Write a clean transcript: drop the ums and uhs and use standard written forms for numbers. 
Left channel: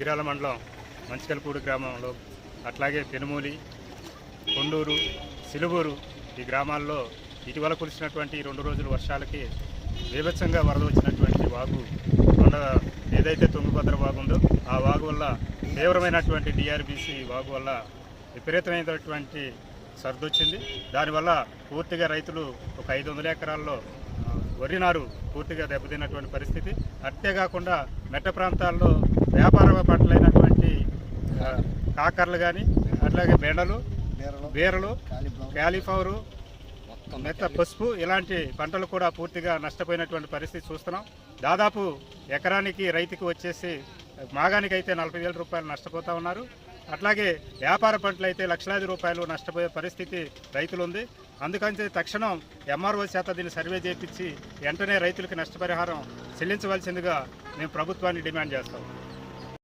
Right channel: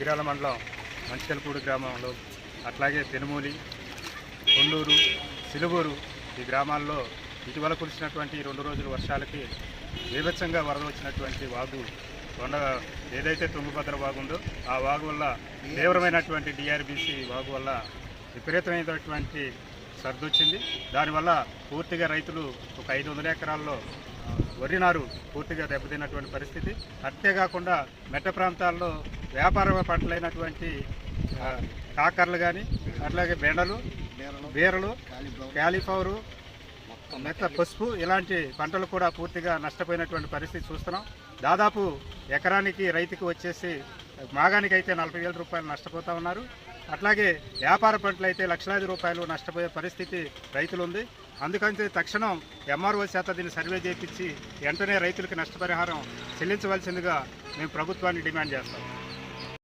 దుగ్గిరాల మండలం మంచికల్పూడి గ్రామంలో, అట్లాగే పెనుమూలి, కొండూరు, సిలువూరు ఈ గ్రామాల్లో ఇటీవల కురిసినటువంటి 2 రోజుల వర్షాలకి బీభత్సంగా వరద వచ్చినటువంటి వాగు ఏదైతే తుంగభద్ర వాగు ఉందో ఆ వాగు వల్ల తీవ్రమైనటువంటి డిఆర్బీసీ వాగు వల్ల విపరీతమైనటువంటి సర్దొచ్చింది. దానివల్ల పూర్తిగా రైతులు ఒక 500 ఎకరాల్లో వరి నారు పూర్తిగా దెబ్బతిన్నటువంటి పరిస్థితి. అంతేకాకుండా మెట్ట ప్రాంతాల్లో వ్యాపార పంటలైనటువంటి కాకరలు కానీ, అట్లాగే బెండలు, బీరలు, క్యాలీఫ్లవరు, మెట్ట పసుపు ఇలాంటి పంటలు కూడా పూర్తిగా నష్టపోయినటువంటి పరిస్థితి చూస్తున్నాం. దాదాపు ఎకరానికి రైతుకు వచ్చేసి మాగానికి అయితే 40,000 రూపాయలు నష్టపోతూ ఉన్నారు. అట్లాగే వ్యాపార పంటలు అయితే లక్షలాది రూపాయలు నష్టపోయే పరిస్థితి రైతులు ఉంది. అందుకని తక్షణం ఎంఆర్ఓ చేత దీన్ని సర్వే చేయించి వెంటనే రైతులకు నష్టపరిహారం చెల్లించవలసిందిగా మేము ప్రభుత్వాన్ని డిమాండ్ చేస్తాం.